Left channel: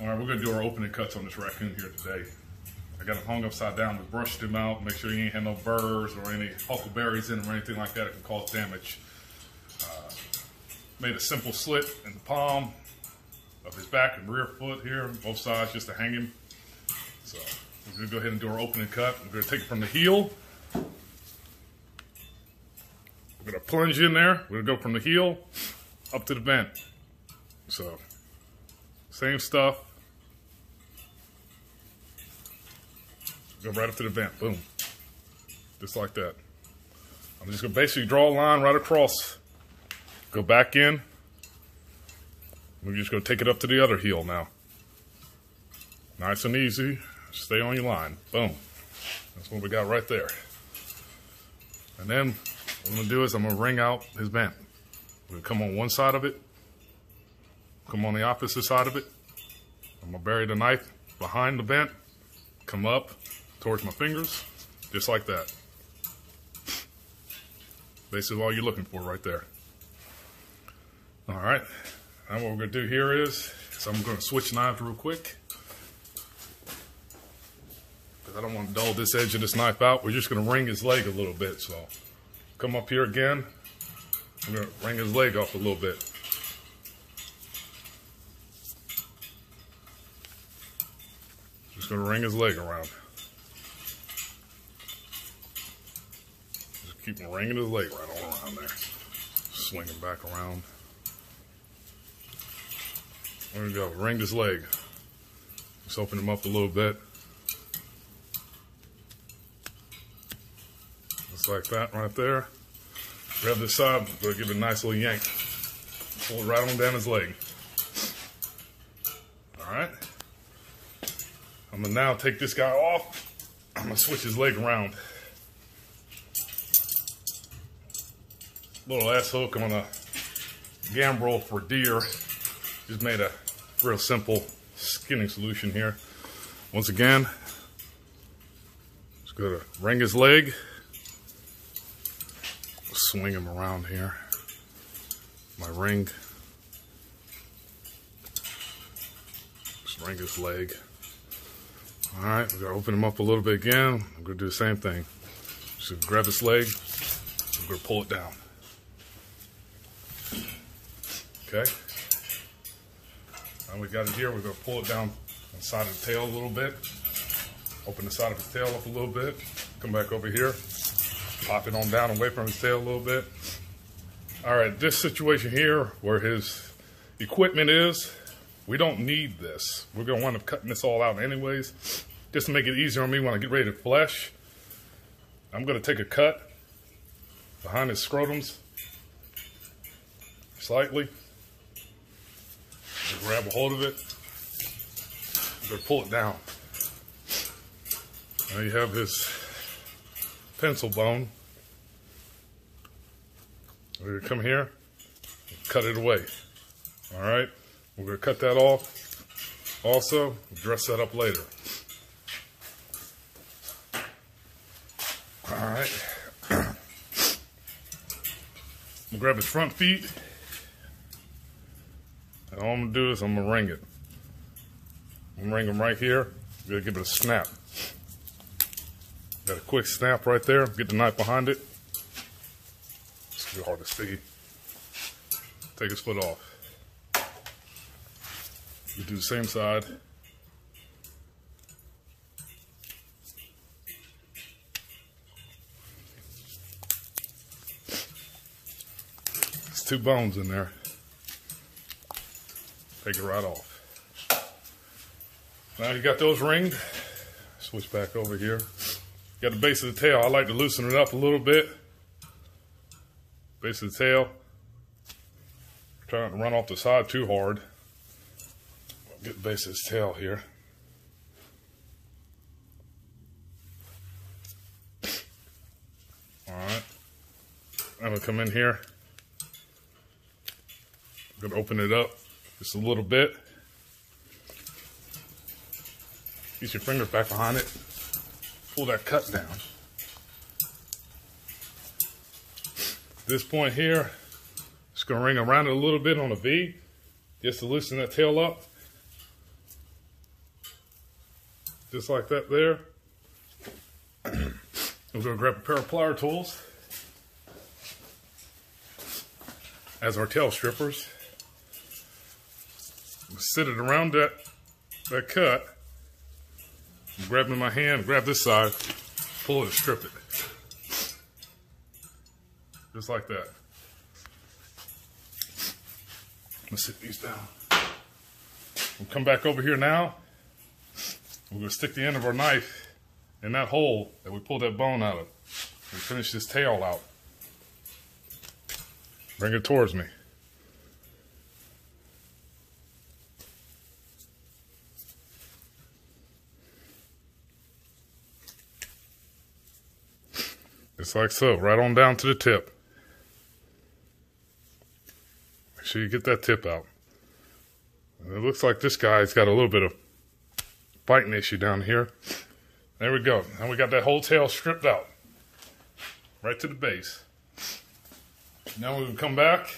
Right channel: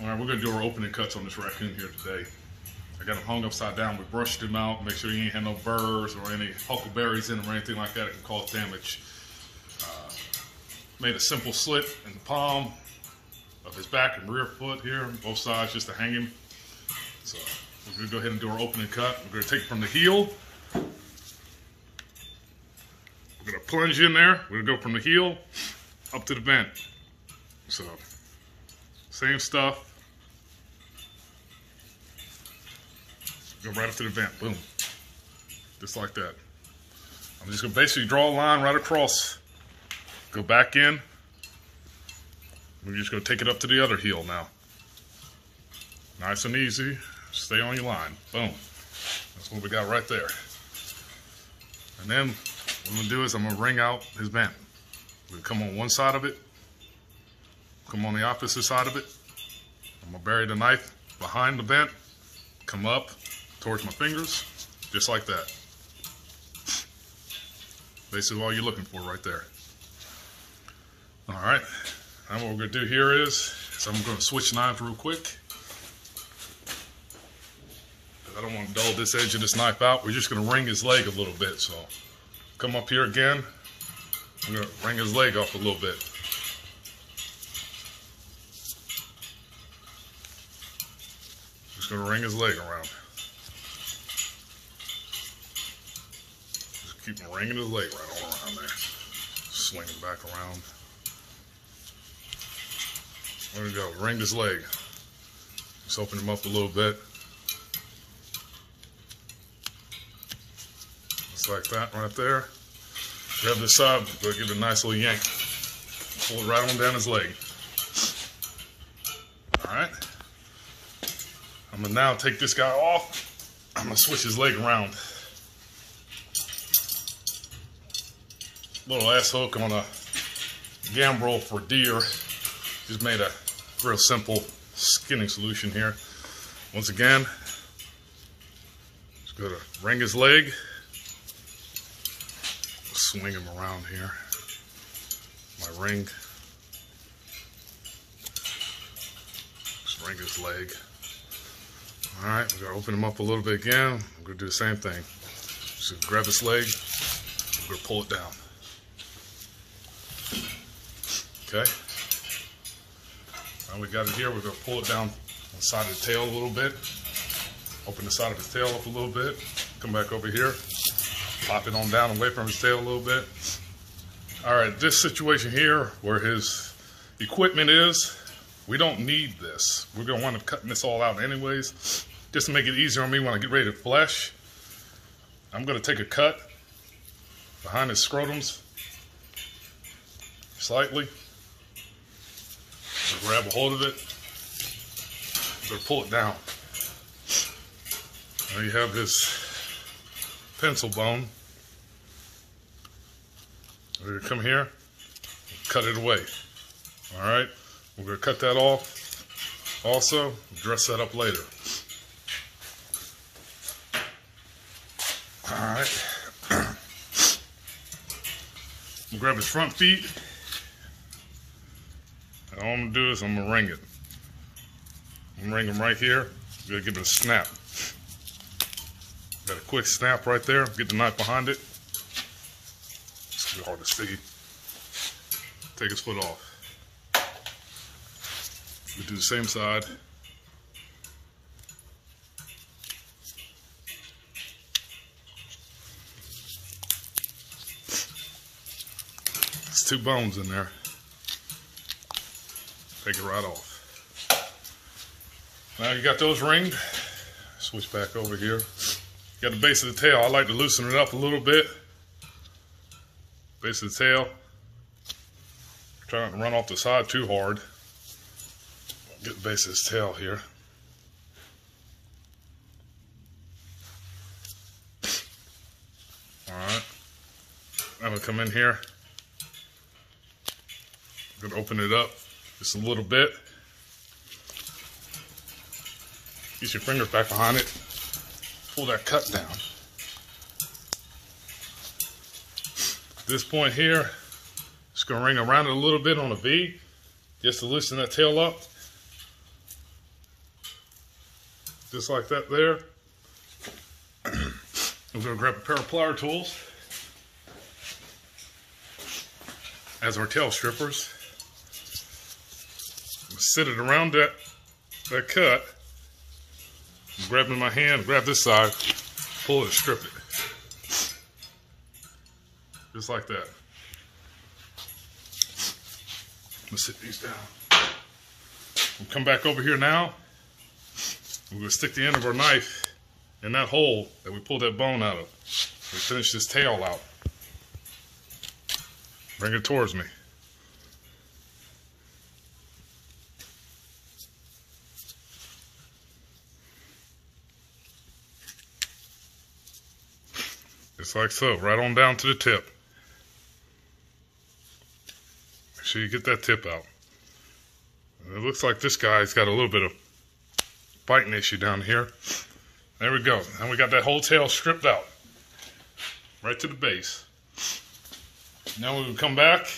All right, we're gonna do our opening cuts on this raccoon here today. I got him hung upside down. We brushed him out, make sure he ain't had no burrs or any huckleberries in him or anything like that. It can cause damage. Made a simple slit in the palm of his back and rear foot here, both sides, just to hang him. So we're gonna go ahead and do our opening cut. We're gonna take it from the heel. We're gonna plunge in there. We're gonna go from the heel up to the vent. So same stuff. Go right up to the vent, boom. Just like that. I'm just gonna basically draw a line right across. Go back in. We're just gonna take it up to the other heel now. Nice and easy. Stay on your line. Boom. That's what we got right there. And then what I'm gonna do is I'm gonna wring out his vent. We'll come on one side of it. Come on the opposite side of it. I'm gonna bury the knife behind the vent. Come up towards my fingers, just like that. Basically all you're looking for right there. All right, now what we're gonna do here is I'm gonna switch knives real quick. I don't want to dull this edge of this knife out. We're just gonna wring his leg a little bit. So come up here again. I'm gonna wring his leg off a little bit. Just gonna wring his leg around. Just keep wringing his leg right all around there. Swing him back around. There we go, wring his leg. Just open him up a little bit. Just like that right there. Grab this side, go give it a nice little yank. Pull it right on down his leg. All right. I'm gonna now take this guy off. I'm gonna switch his leg around. Little ass hook on a gambrel for deer. Just made a real simple skinning solution here. Once again, just go to wring his leg. Swing him around here. My ring. Just wring his leg. All right, we're gonna open him up a little bit again. We're gonna do the same thing. Just grab his leg. We're gonna pull it down. Okay. Now we got it here. We're gonna pull it down on the side of the tail a little bit. Open the side of his tail up a little bit. Come back over here. Pop it on down away from his tail a little bit. All right, this situation here where his equipment is, we don't need this. We're gonna wind up cutting this all out anyways. Just to make it easier on me when I get ready to flesh, I'm gonna take a cut behind his scrotums, slightly. Just grab a hold of it. I'm gonna pull it down. Now you have his pencil bone. We're gonna come here, cut it away. All right, we're gonna cut that off. Also, dress that up later. All right. We'll grab his front feet. And all I'm gonna do is I'm gonna wring it. I'm gonna wring him right here. I'm gonna give it a snap. Got a quick snap right there. Get the knife behind it. It's too hard to see. Take his foot off. We do the same side. There's two bones in there. Take it right off. Now you got those ringed. Switch back over here. Got the base of the tail. I like to loosen it up a little bit. Base of the tail. Try not to run off the side too hard. Get the base of his tail here. All right. I'm gonna come in here. I'm gonna open it up just a little bit. Get your fingers back behind it. Pull that cut down. This point here, just gonna ring around it a little bit on a V, just to loosen that tail up. Just like that there. We're going to grab a pair of plier tools as our tail strippers. Sit it around that cut. Grab it in my hand, grab this side, pull it and strip it. Just like that. I'm gonna sit these down. We'll come back over here now. We're gonna stick the end of our knife in that hole that we pulled that bone out of. We finish this tail out. Bring it towards me. Just like so, right on down to the tip. Make sure you get that tip out. And it looks like this guy's got a little bit of biting issue down here. There we go. Now we got that whole tail stripped out. Right to the base. Now we can come back.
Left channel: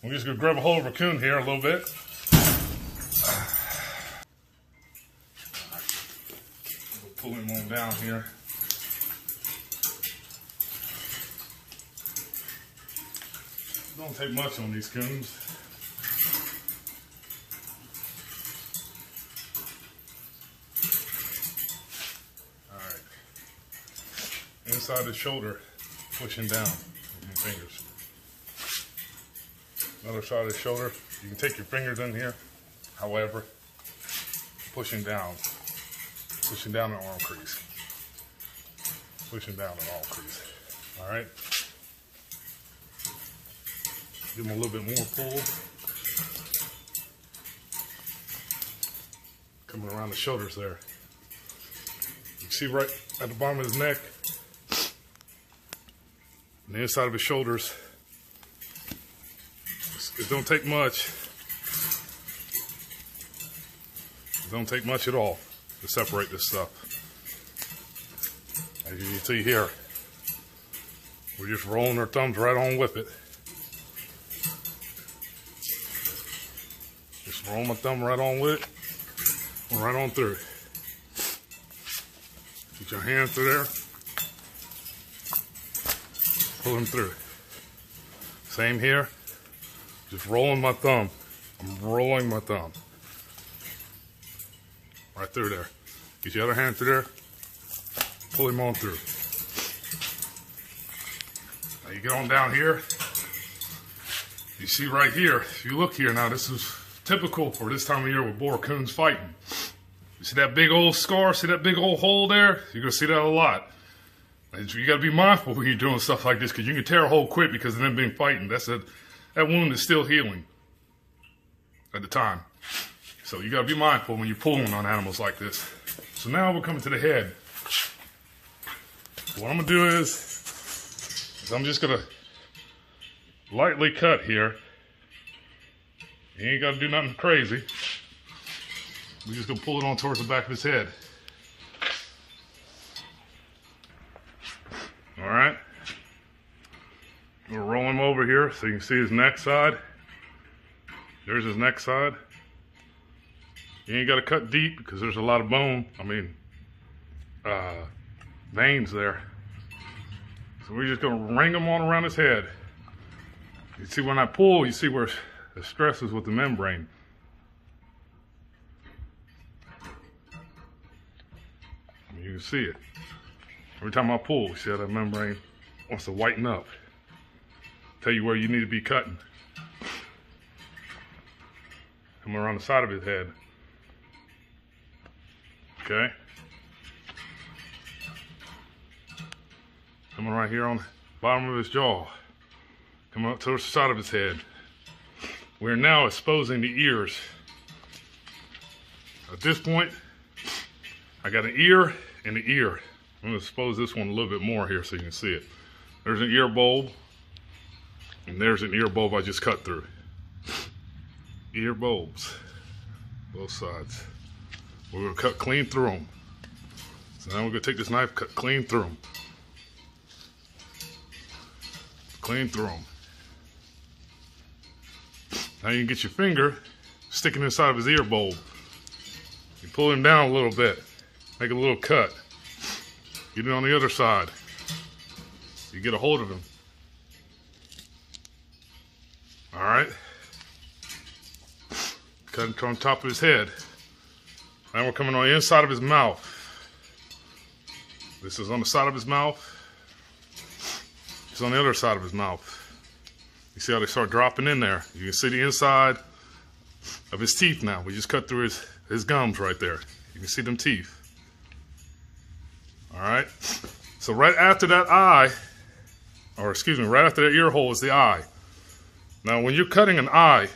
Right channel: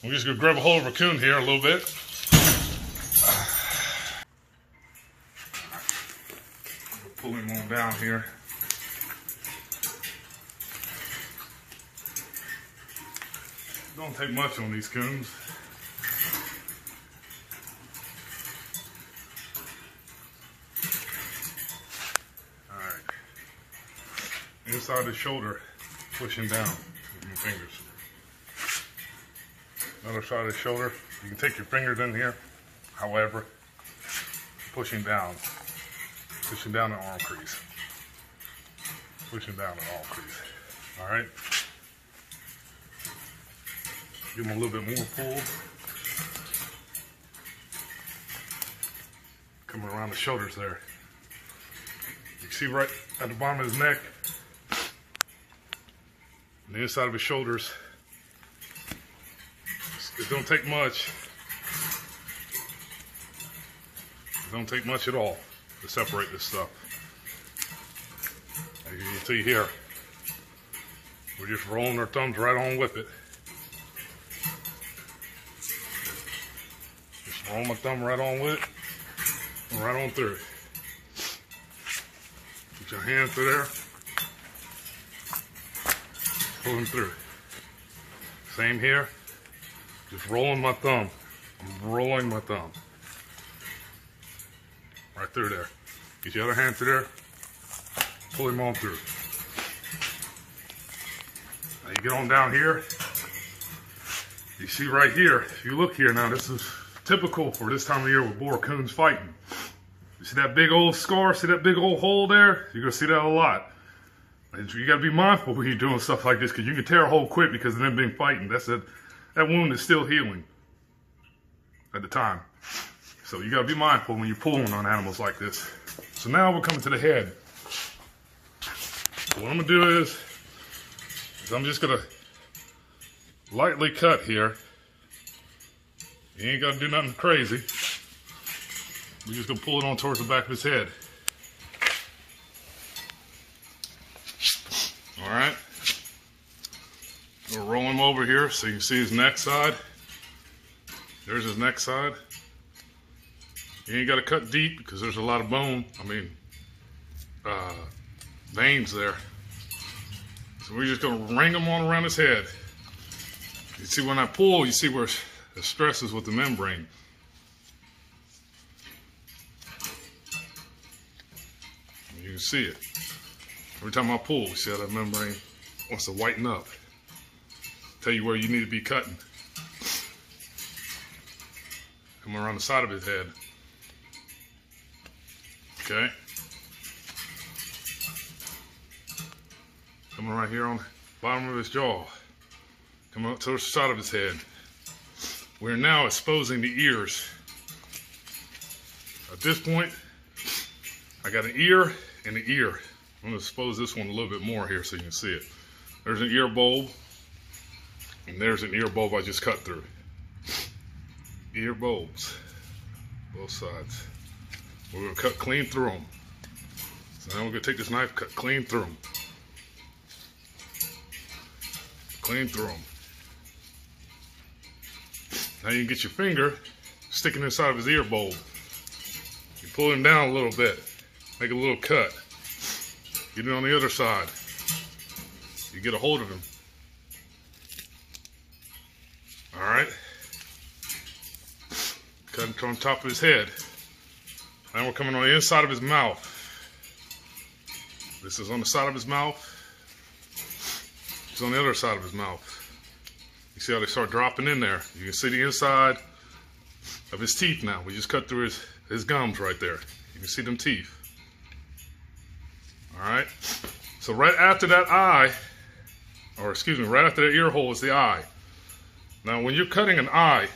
We're just gonna grab a hold of raccoon here a little bit. We'll pull him on down here. Don't take much on these coons. Alright. Inside the shoulder, pushing down with your fingers. Another side of the shoulder. You can take your fingers in here. However, pushing down the arm crease. Pushing down the arm crease. Alright. Give him a little bit more pull. Coming around the shoulders there. You can see right at the bottom of his neck, and the inside of his shoulders. It don't take much. It don't take much at all to separate this stuff. As you can see here, we're just rolling our thumbs right on with it. Roll my thumb right on with it, and right on through. Put your hand through there, pull them through. Same here, just rolling my thumb. I'm rolling my thumb. Right through there. Get your other hand through there, pull him on through. Now you get on down here, you see right here, if you look here now, this is typical for this time of year with boar coons fighting. You see that big old scar, see that big old hole there? You're gonna see that a lot. And you gotta be mindful when you're doing stuff like this, because you can tear a hole quick because of them being fighting. That wound is still healing at the time. So you gotta be mindful when you're pulling on animals like this. So now we're coming to the head. So what I'm gonna do is I'm just gonna lightly cut here. You ain't got to do nothing crazy. We're just going to pull it on towards the back of his head. Alright. We'll roll him over here so you can see his neck side. There's his neck side. You ain't got to cut deep because there's a lot of bone. Veins there. So we're just going to ring them on around his head. You see when I pull, you see where the stress is with the membrane. You can see it. Every time I pull, you see how that membrane wants to whiten up. Tell you where you need to be cutting. Come around the side of his head. Okay. Coming right here on the bottom of his jaw. Coming up to the side of his head. We're now exposing the ears. At this point, I got an ear and an ear. I'm going to expose this one a little bit more here so you can see it. There's an ear bulb, and there's an ear bulb I just cut through. Ear bulbs, both sides. We're going to cut clean through them. So now we're going to take this knife, cut clean through them. Clean through them. Now you can get your finger sticking inside of his ear bulb. You pull him down a little bit, make a little cut. Get it on the other side. You get a hold of him. All right. Cut him on top of his head. Now we're coming on the inside of his mouth. This is on the side of his mouth. It's on the other side of his mouth. You see how they start dropping in there? You can see the inside of his teeth now. We just cut through his gums right there. You can see them teeth. All right. So right after that eye, or excuse me, right after that ear hole is the eye. Now when you're cutting an eye,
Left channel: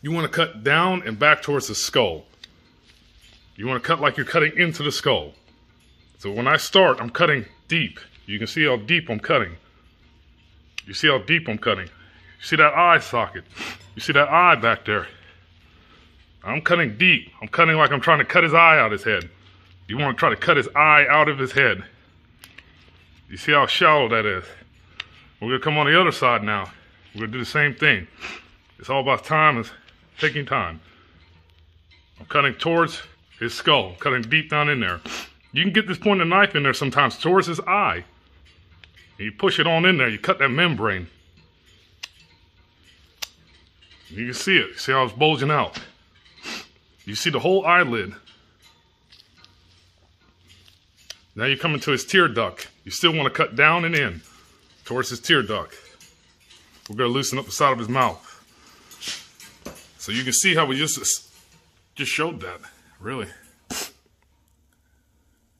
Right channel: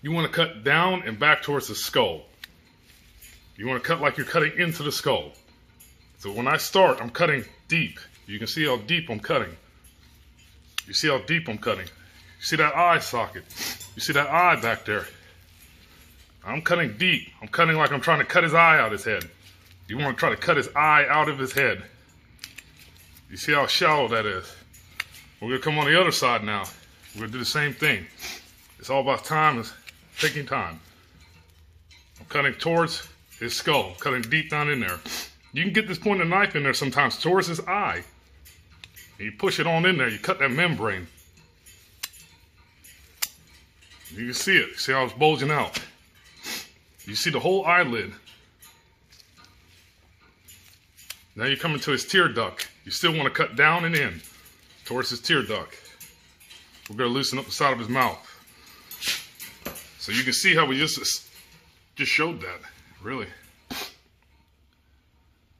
you want to cut down and back towards the skull. You want to cut like you're cutting into the skull. So when I start, I'm cutting deep. You can see how deep I'm cutting. You see how deep I'm cutting. You see that eye socket. You see that eye back there. I'm cutting deep. I'm cutting like I'm trying to cut his eye out of his head. You want to try to cut his eye out of his head. You see how shallow that is. We're going to come on the other side now. We're going to do the same thing. It's all about time and taking time. I'm cutting towards his skull. I'm cutting deep down in there. You can get this point of the knife in there sometimes towards his eye. And you push it on in there. You cut that membrane. You can see it. See how it's bulging out. You see the whole eyelid. Now you're coming to his tear duct. You still want to cut down and in towards his tear duct. We're going to loosen up the side of his mouth. So you can see how we just showed that. Really.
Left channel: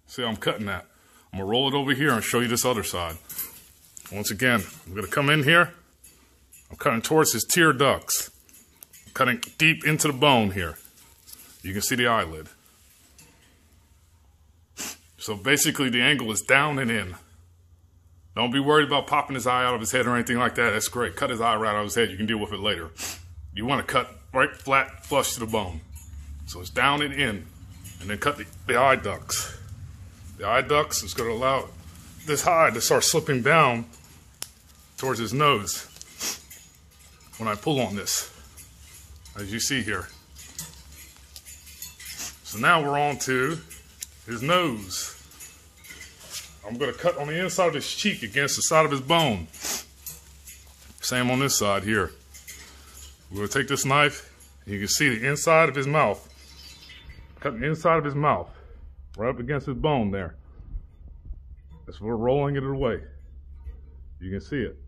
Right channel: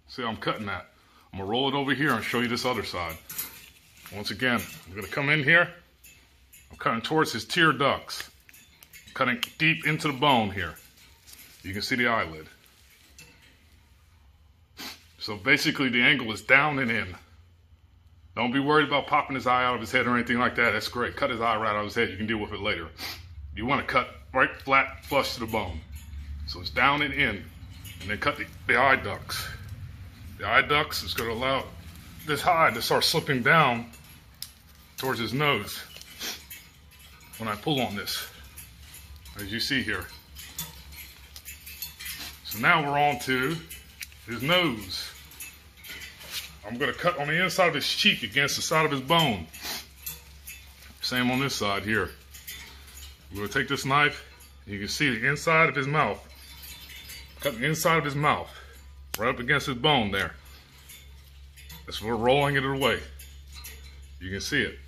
See how I'm cutting that. I'm going to roll it over here and show you this other side. Once again, I'm going to come in here. I'm cutting towards his tear ducts. I'm cutting deep into the bone here. You can see the eyelid. So basically the angle is down and in. Don't be worried about popping his eye out of his head or anything like that. That's great. Cut his eye right out of his head. You can deal with it later. You want to cut right flat, flush to the bone. So it's down and in. And then cut the eye ducts. The eye ducts is going to allow this hide to start slipping down towards his nose when I pull on this, as you see here. So now we're on to his nose. I'm going to cut on the inside of his cheek against the side of his bone. Same on this side here. We're going to take this knife, and you can see the inside of his mouth. Cutting the inside of his mouth, right up against his bone there. That's what we're rolling it away. You can see it.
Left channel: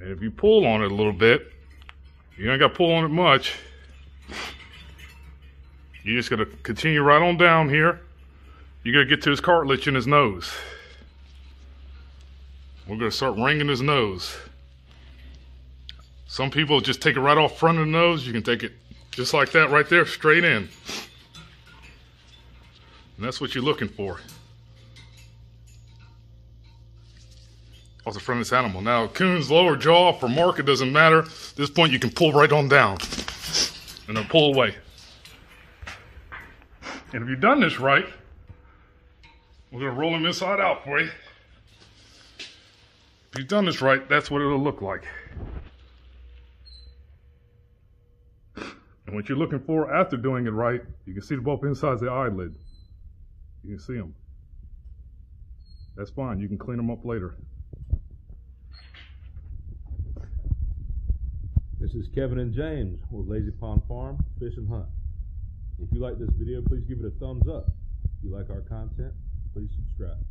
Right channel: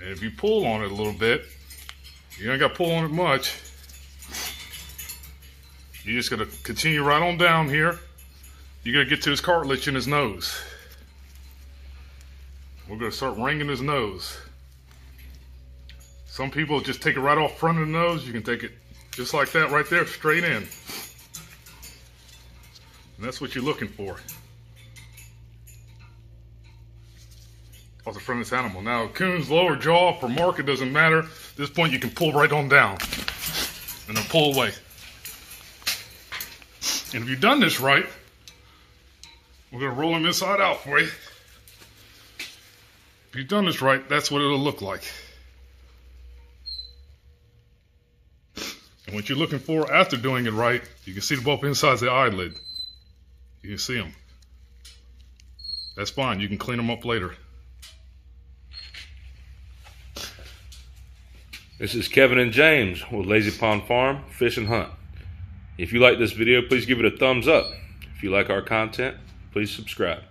And if you pull on it a little bit, you ain't got to pull on it much. You're just going to continue right on down here. You're going to get to his cartilage in his nose. We're going to start wringing his nose. Some people just take it right off front of the nose. You can take it just like that right there, straight in. And that's what you're looking for. What's a friendless animal? Now, coon's lower jaw, for mark, it doesn't matter. At this point, you can pull right on down. And then pull away. And if you've done this right, we're going to roll him inside out for you. If you've done this right, that's what it'll look like. And what you're looking for after doing it right, you can see both insides of the eyelid. You can see them. That's fine. You can clean them up later. This is Kevin and James with Lazy Pond Farm, Fish and Hunt. If you like this video, please give it a thumbs up. If you like our content, please subscribe.